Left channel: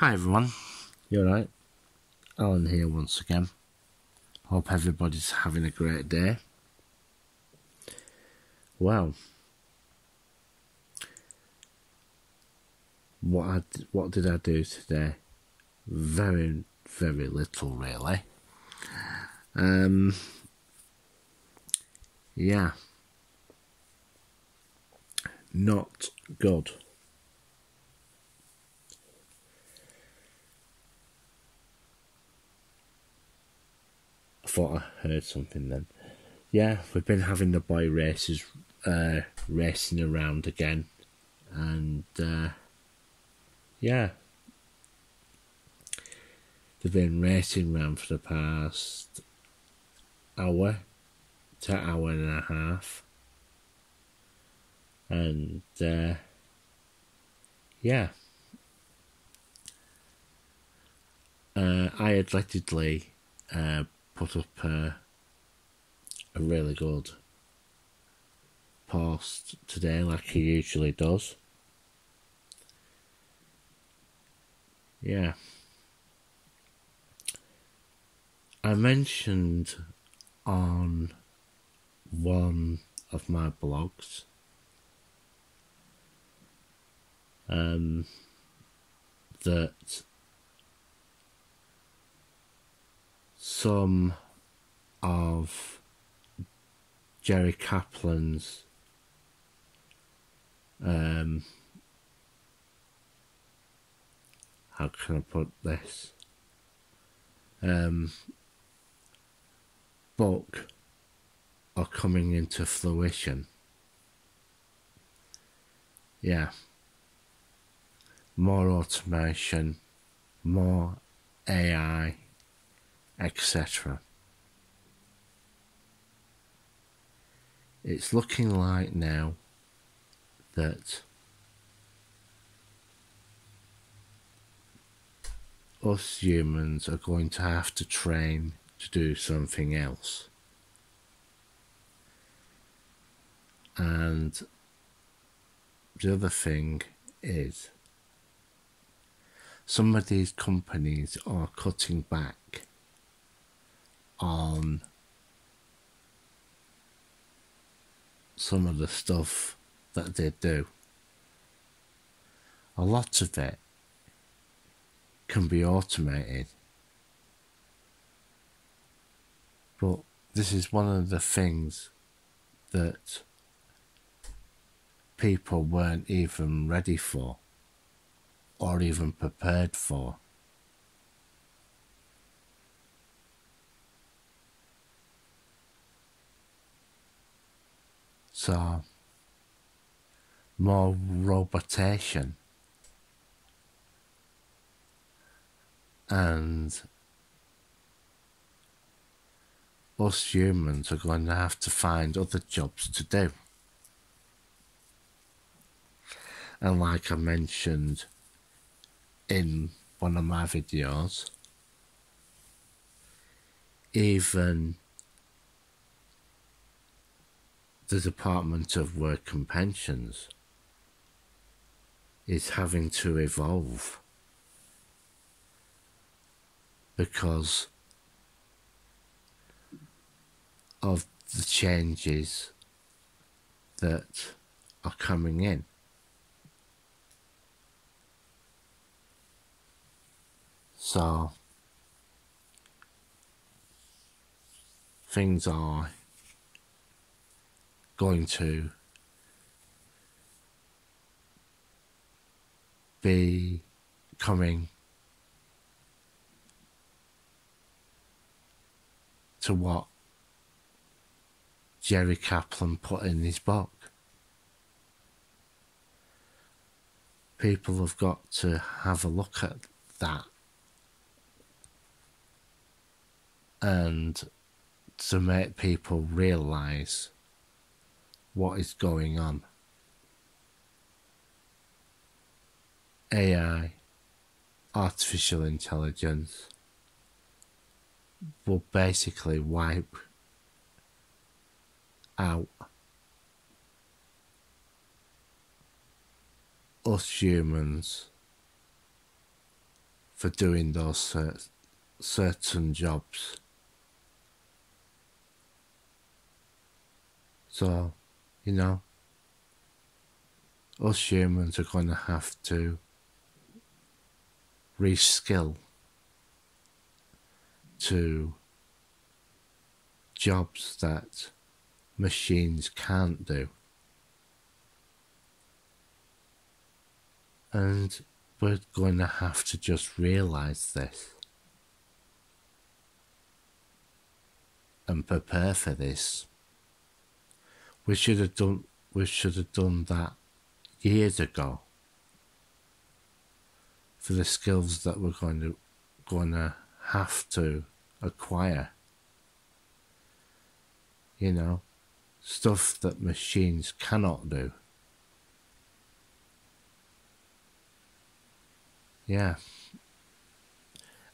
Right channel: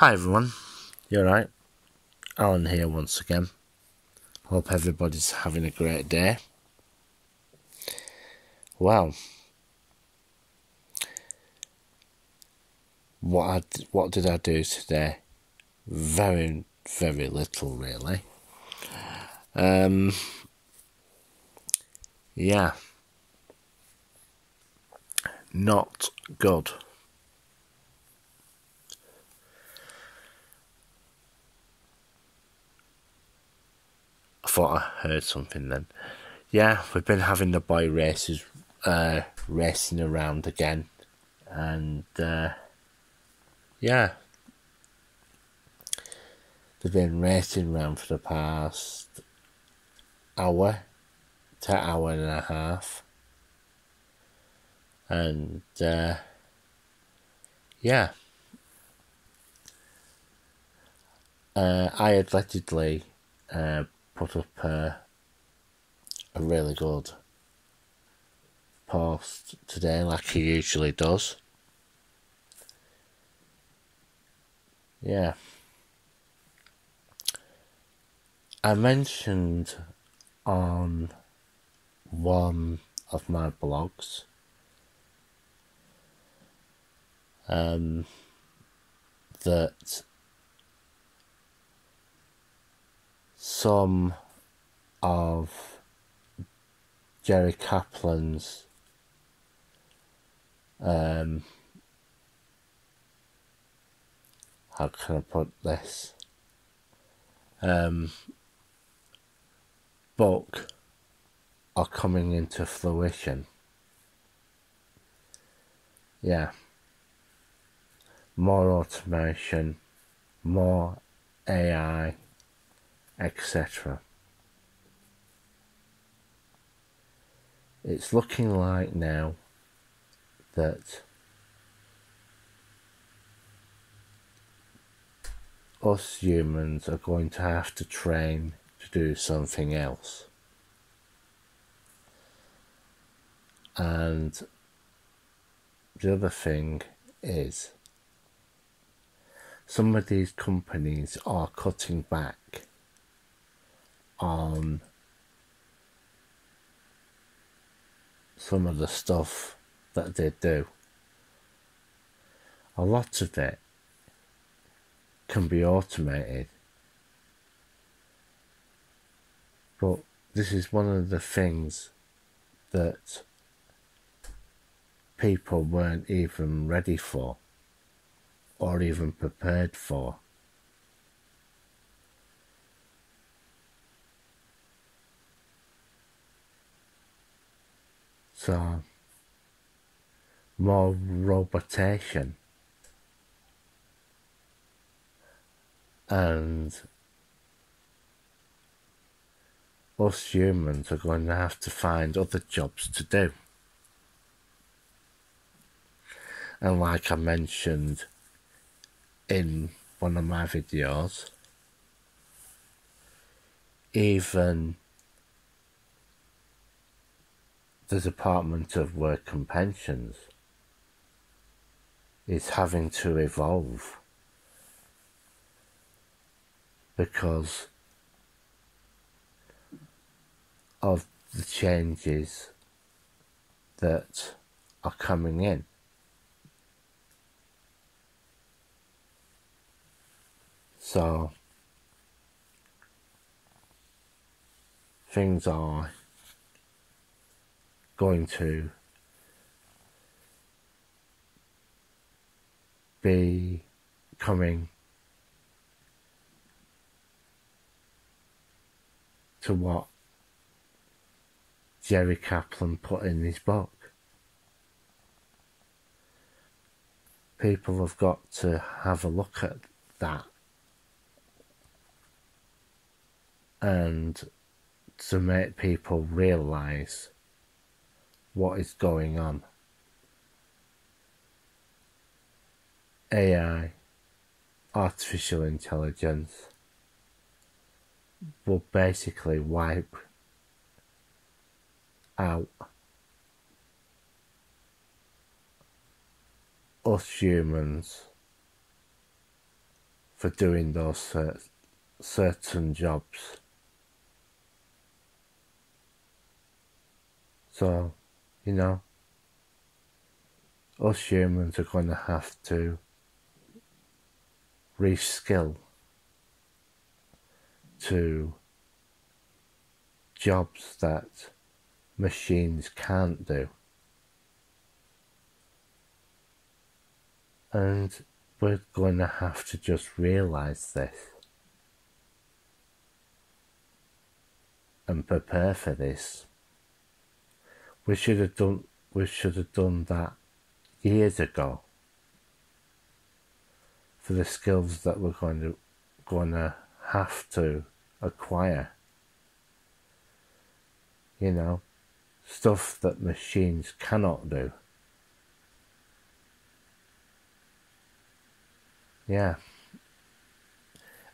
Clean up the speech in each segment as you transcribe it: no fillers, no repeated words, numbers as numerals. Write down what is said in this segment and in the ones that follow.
Hi everyone, you alright? Alan here once again. Hope everybody's having a great day. Well, what did I do today? Very little really. Yeah, not good. I thought I heard something then. Yeah, we've been having the boy races racing around again, and yeah, they've been racing around for the past hour to hour and a half, and yeah, I allegedly put up a really good post today, like he usually does. Yeah. I mentioned on one of my blogs that some of Jerry Kaplan's how can I put this? Book are coming into fruition. Yeah. More automation, more AI, etc. It's looking like now that us humans are going to have to train to do something else. And the other thing is, some of these companies are cutting back on some of the stuff that they do. A lot of it can be automated, but this is one of the things that people weren't even ready for or even prepared for. So, more robotation, and us humans are going to have to find other jobs to do. And like I mentioned in one of my videos, even the Department of Work and Pensions is having to evolve because of the changes that are coming in. So things are going to be coming to what Jerry Kaplan put in his book. People have got to have a look at that and to make people realise what is going on. AI, artificial intelligence, will basically wipe out us humans for doing those certain jobs. So, you know, us humans are going to have to reskill to jobs that machines can't do. And we're going to have to just realise this and prepare for this. We should have done that years ago for the skills that we're going to have to acquire. You know, stuff that machines cannot do. Yeah.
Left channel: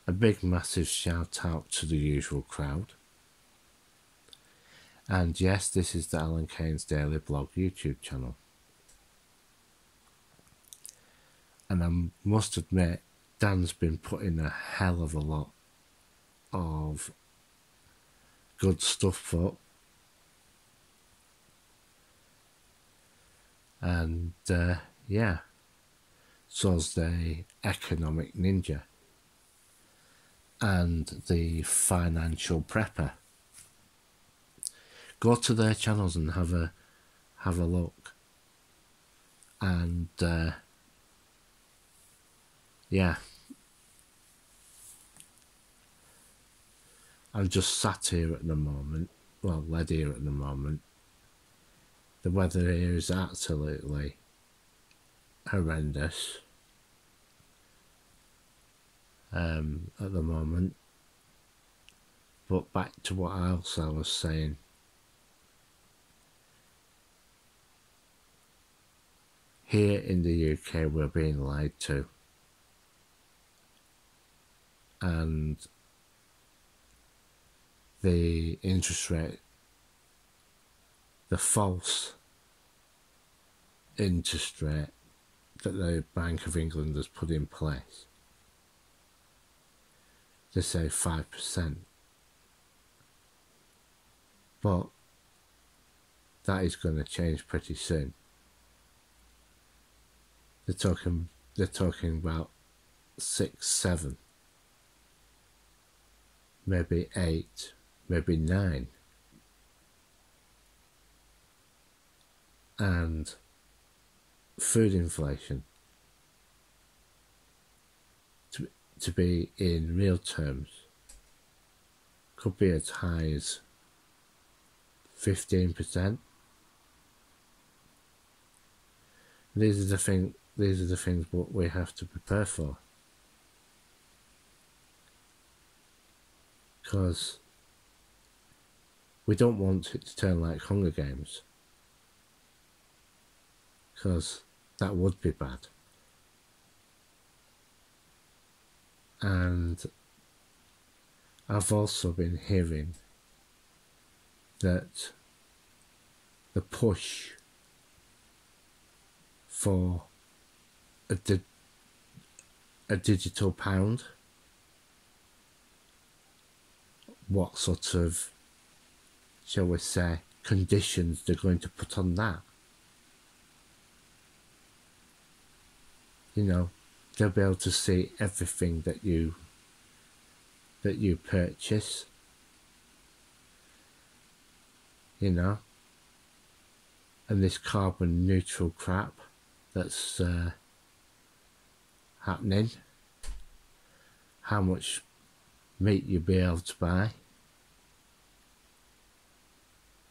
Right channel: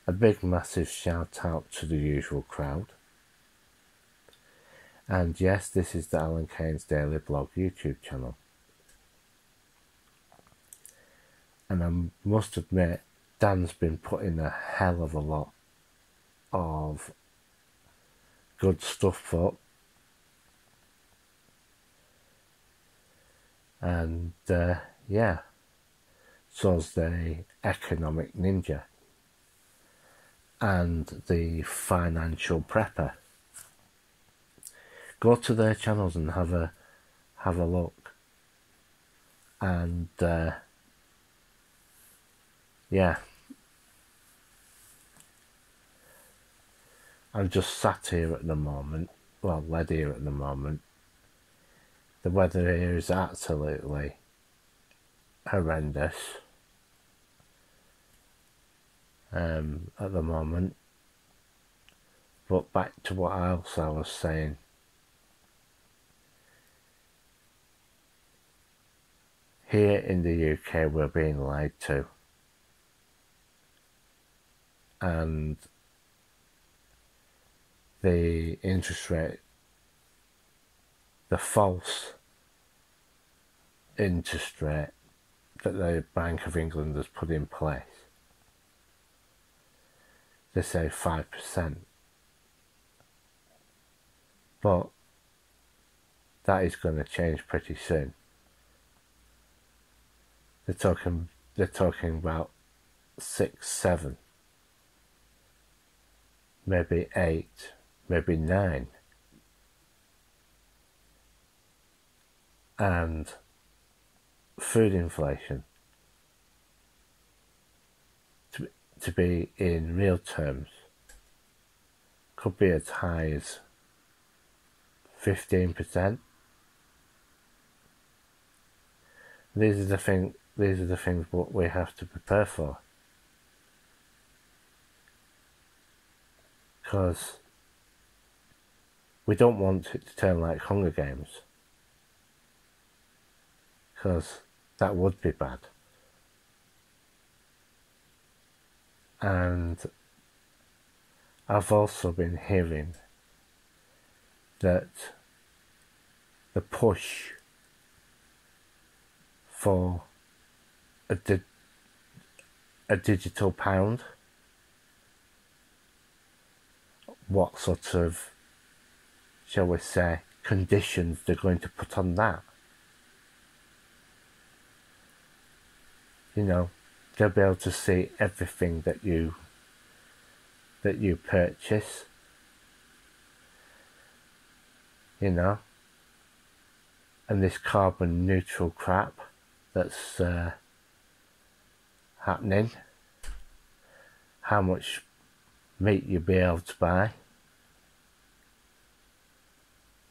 A big massive shout out to the usual crowd. And yes, this is the Alan Keynes Daily Blog YouTube channel. And I must admit, Dan's been putting a hell of a lot of good stuff up. And yeah, so's the Economic Ninja and the Financial Prepper. Go to their channels and have a look. And yeah, I'm just sat here at the moment, well, led here at the moment. The weather here is absolutely horrendous at the moment. But back to what else I was saying. Here in the UK, we're being lied to. And the interest rate, the false interest rate that the Bank of England has put in place, they say 5%. But that is going to change pretty soon. They're talking about 6, 7, maybe 8, maybe 9. And food inflation to be in real terms could be as high as 15%. These are the things what we have to prepare for. Because we don't want it to turn like Hunger Games. Because that would be bad. And I've also been hearing that the push for a digital pound, what sort of, shall we say, conditions they're going to put on that. You know, they'll be able to see everything that you purchase. You know, and this carbon neutral crap that's happening, how much meat you'll be able to buy.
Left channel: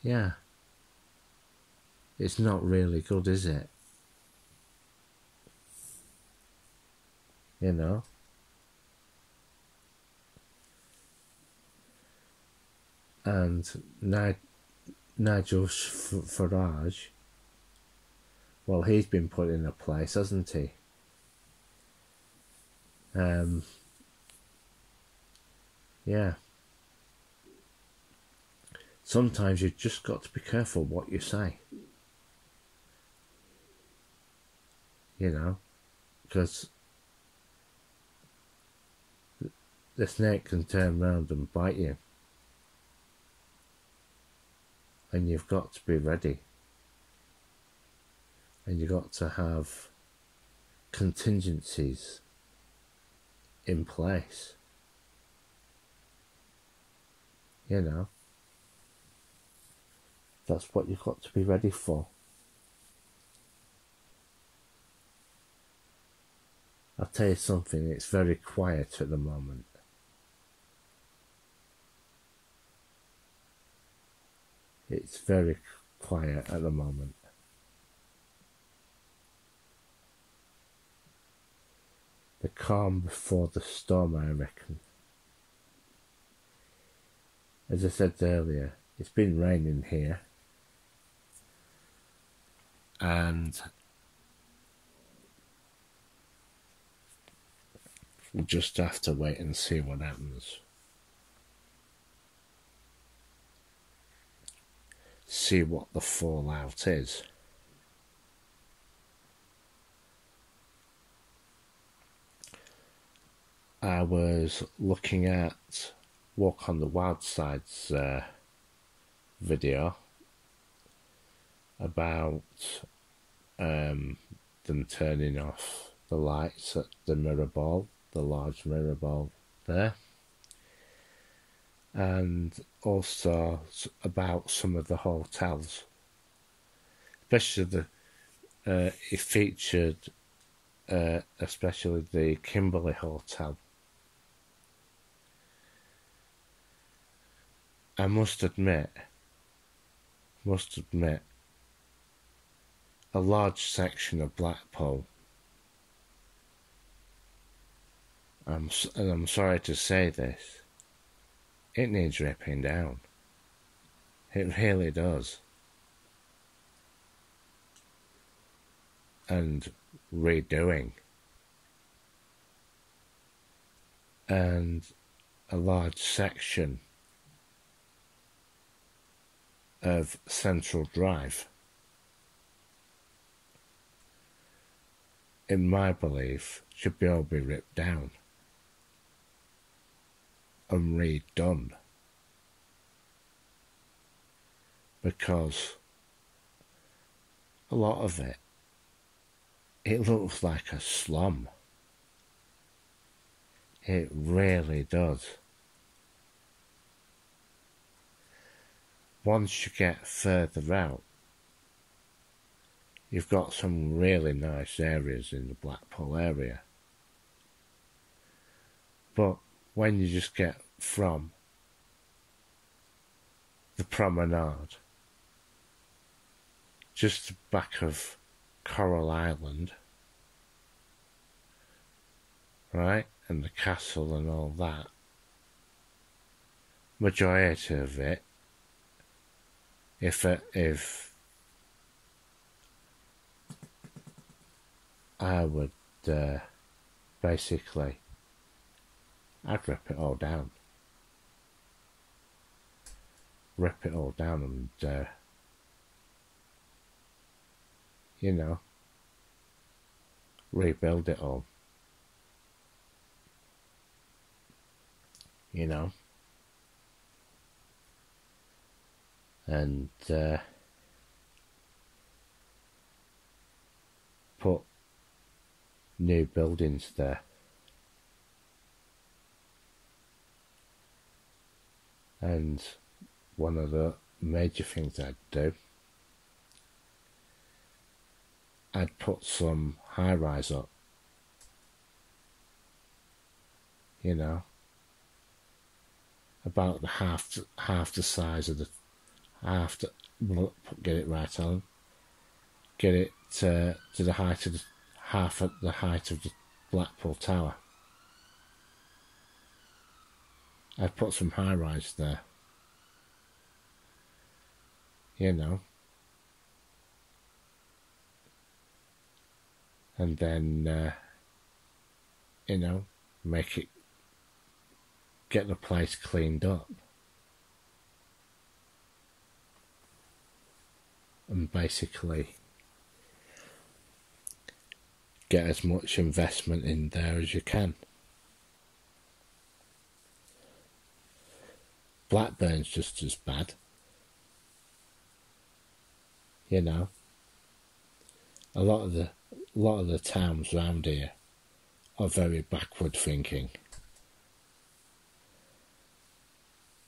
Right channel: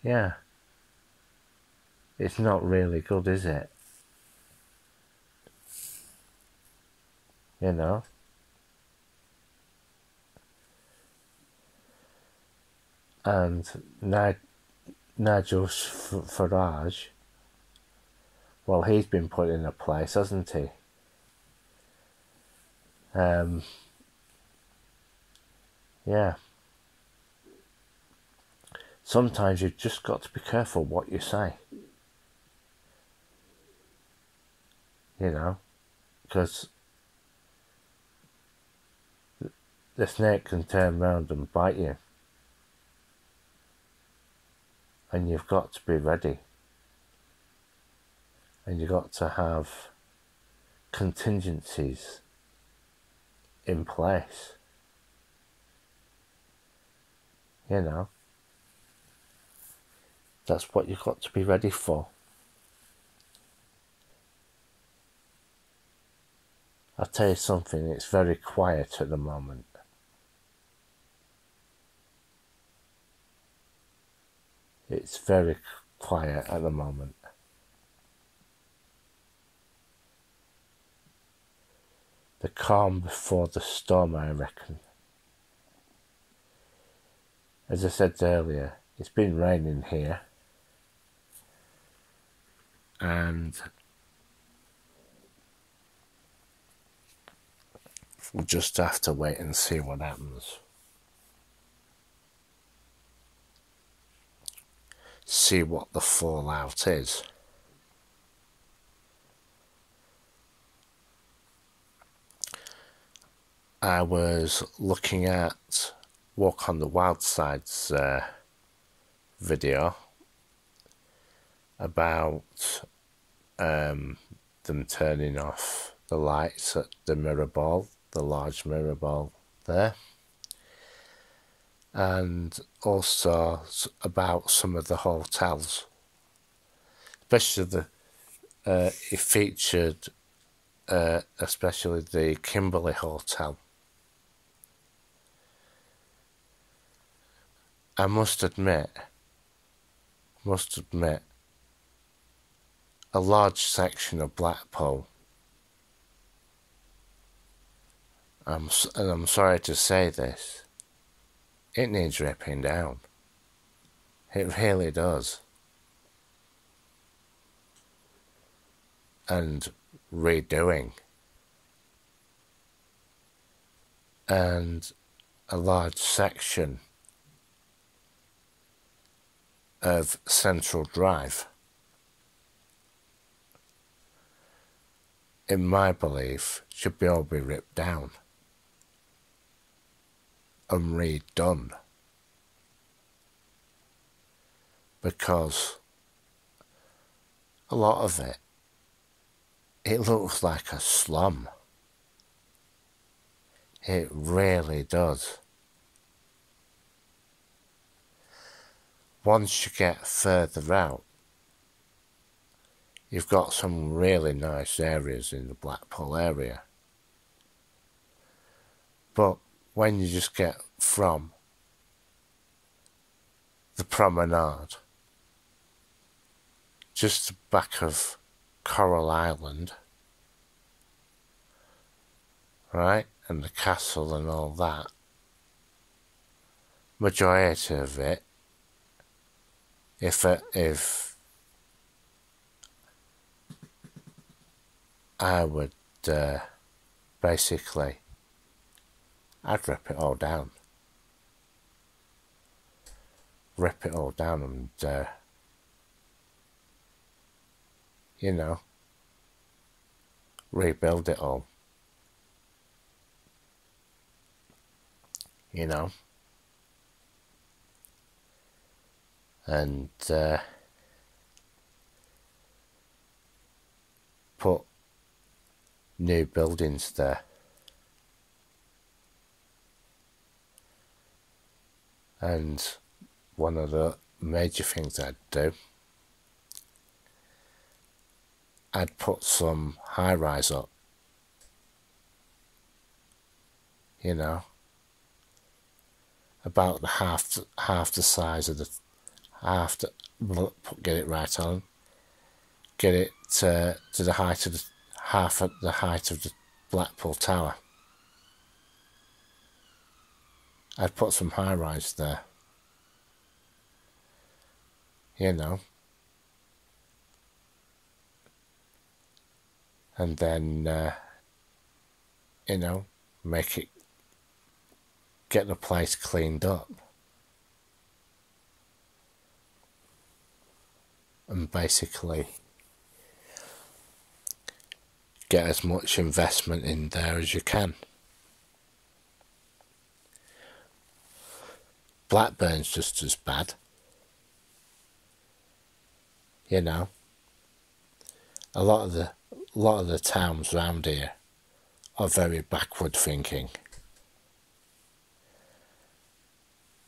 Yeah, it's not really good, is it? You know, and Nigel Farage, well, he's been put in a place, hasn't he? Yeah. Sometimes you've just got to be careful what you say. You know, because the snake can turn round and bite you. And you've got to be ready. And you've got to have contingencies in place. You know, that's what you've got to be ready for. I'll tell you something, it's very quiet at the moment. It's very quiet at the moment. The calm before the storm, I reckon. As I said earlier, it's been raining here. And we'll just have to wait and see what happens. See what the fallout is. I was looking at Walk on the Wild Side's video about them turning off the lights at the mirror ball, the large mirror ball there, and also about some of the hotels, especially it featured especially the Kimberley Hotel. I must admit, a large section of Blackpool, and I'm sorry to say this, it needs ripping down. It really does. And redoing. And a large section of Central Drive, in my belief, should all be ripped down and redone, because a lot of it looks like a slum. It really does. Once you get further out, you've got some really nice areas in the Blackpool area. But when you just get from the promenade, just the back of Coral Island, right, and the castle and all that, majority of it, if I would basically, I'd rip it all down. Rip it all down and, you know, rebuild it all. You know? And put new buildings there. And one of the major things I'd do, I'd put some high-rise up, you know, about the half the size of the get it right on, get it to the height of half at the height of the Blackpool Tower. I'd put some high-rise there, you know, and then you know, get the place cleaned up, and basically get as much investment in there as you can. Blackburn's just as bad. You know, a lot of the towns around here are very backward thinking,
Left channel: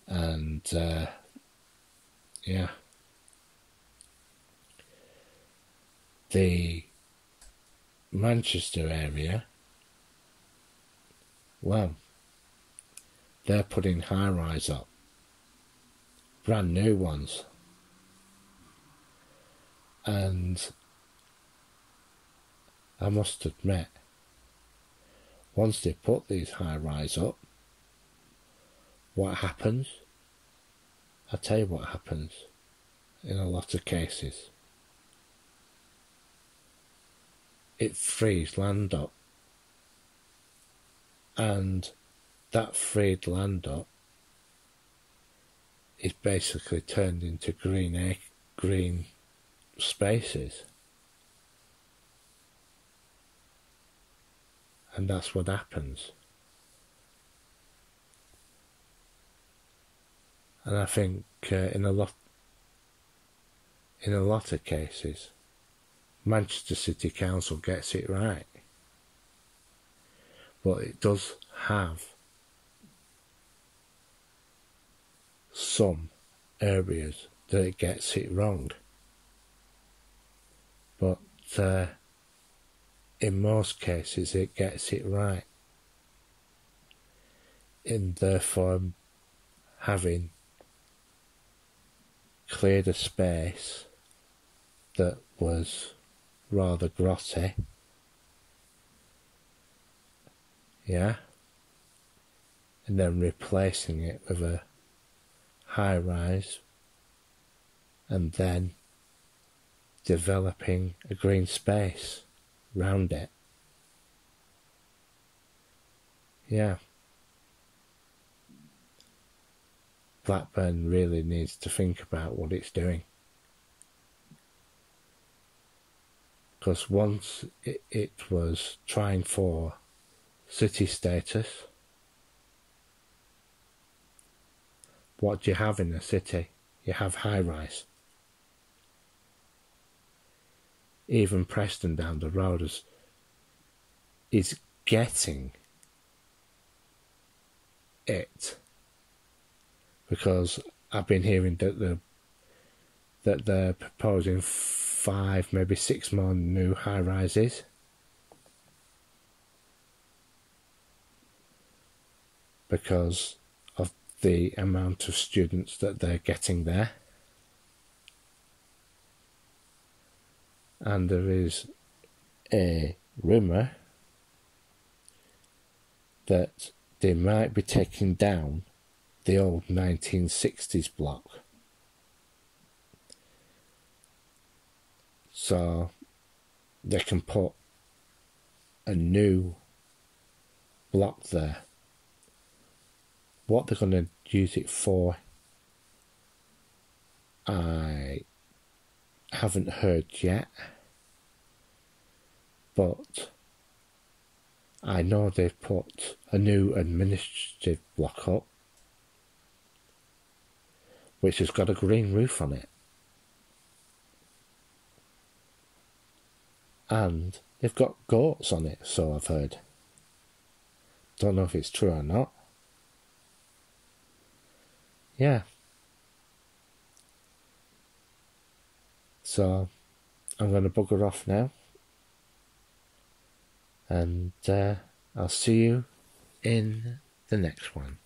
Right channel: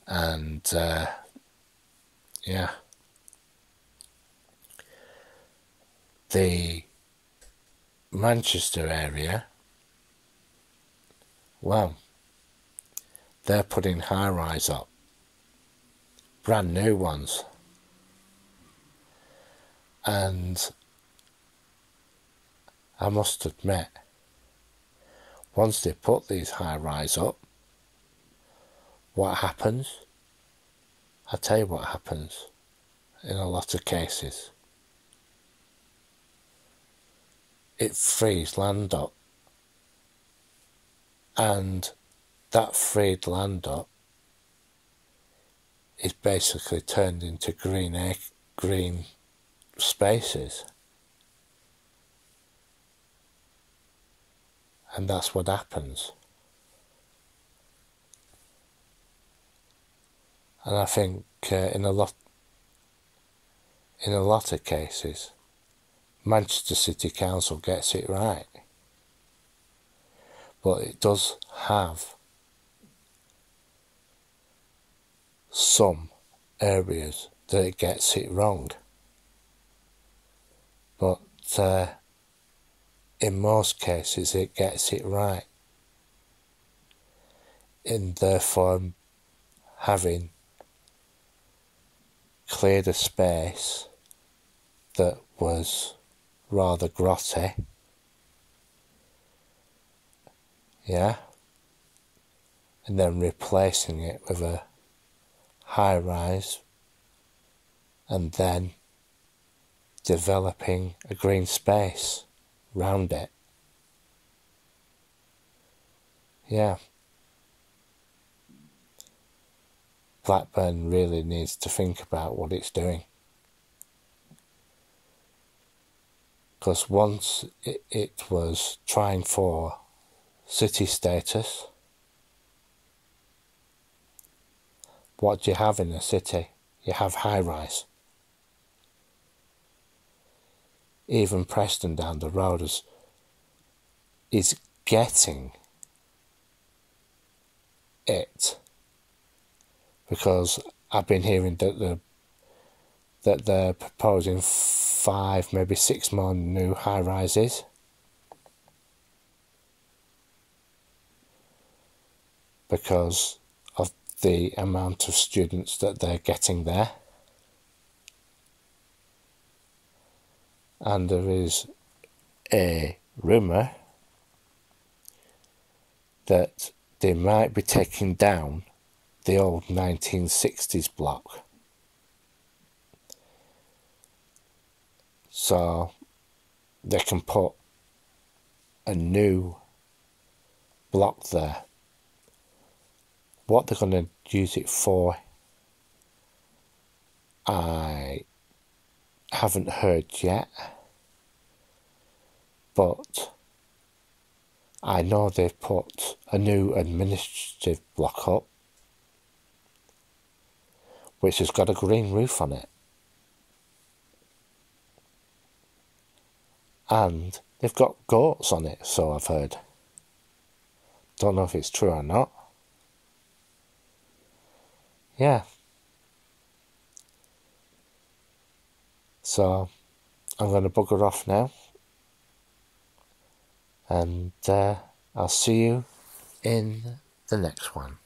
and yeah, the Manchester area, well, they're putting high-rise up, brand new ones, and I must admit, once they put these high-rise up, what happens? I'll tell you what happens in a lot of cases. It frees land up, and that freed land up is basically turned into green spaces, and that's what happens. And I think in a lot of cases, Manchester City Council gets it right, but it does have some areas that it gets it wrong. But in most cases it gets it right, in therefore having cleared a space that was rather grotty, yeah, and then replacing it with a high rise, and then developing a green space round it. Yeah, Blackburn really needs to think about what it's doing, because once it was trying for city status. What do you have in a city? You have high-rise. Even Preston down the road is getting it, because I've been hearing that they're proposing 5, maybe 6 more new high-rises. Because of the amount of students that they're getting there. And there is a rumour that they might be taking down the old 1960s block. So they can put a new block there. What they're going to use it for, I haven't heard yet, but I know they've put a new administrative block up, which has got a green roof on it, and they've got goats on it, so I've heard. Don't know if it's true or not. Yeah. So I'm going to bugger off now, and I'll see you in the next one.